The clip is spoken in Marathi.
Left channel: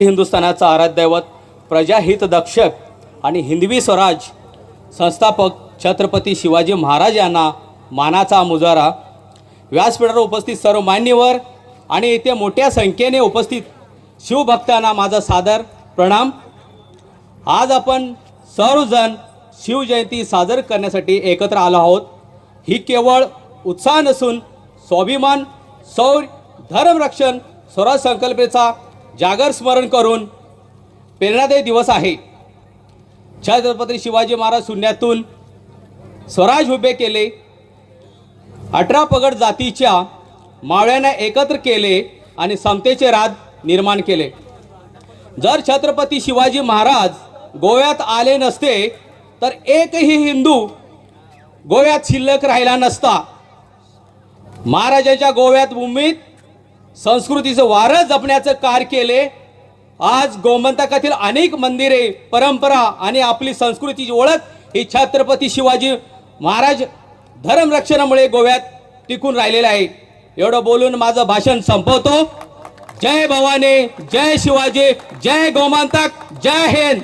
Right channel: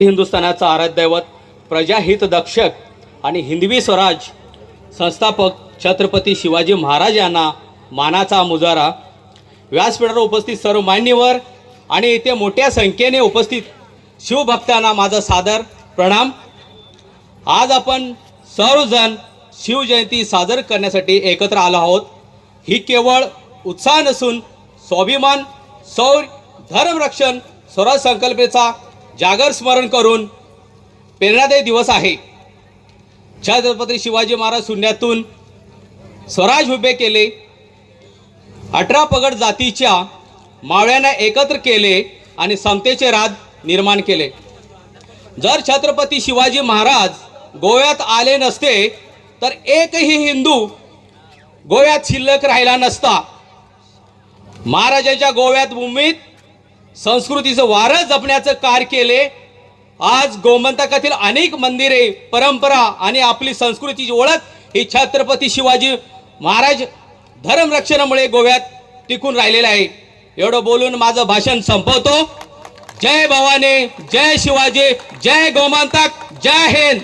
हिंदुस्थानाचा आराध्य दैवत, प्रजाहित दक्षक आणि हिंदवी स्वराज संस्थापक छत्रपती शिवाजी महाराज यांना मानाचा मुजारा. व्यासपीठावर उपस्थित सर्व मान्यवर आणि इथे मोठ्या संख्येने उपस्थित शिवभक्तांना माझा सादर प्रणाम. आज आपण सर्वजण शिवजयंती साजर करण्यासाठी एकत्र आलो आहोत. ही केवळ उत्साह नसून स्वाभिमान, शौर्य, धर्मरक्षण, स्वराज संकल्पनेचा जागर स्मरण करून प्रेरणादायी दिवस आहे. छत्रपती शिवाजी महाराज शून्यातून स्वराज उभे केले. 18 पगड जातीच्या मावळ्यांना एकत्र केले आणि समतेचे राज निर्माण केले. जर छत्रपती शिवाजी महाराज गोव्यात आले नसते तर एकही हिंदू गोव्यात शिल्लक राहिला नसता. महाराजांच्या गोव्यात भूमीत संस्कृतीचं वारं जपण्याचं कार्य केले. आज गोमंतकातील अनेक मंदिरे, परंपरा आणि आपली संस्कृतीची ओळख ही छत्रपती शिवाजी महाराज धर्मरक्षणामुळे गोव्यात टिकून राहिलेलं आहे. एवढं बोलून माझं भाषण संपवतो. जय भवानी, जय शिवाजी, जय गोमंतक, जय हिंद.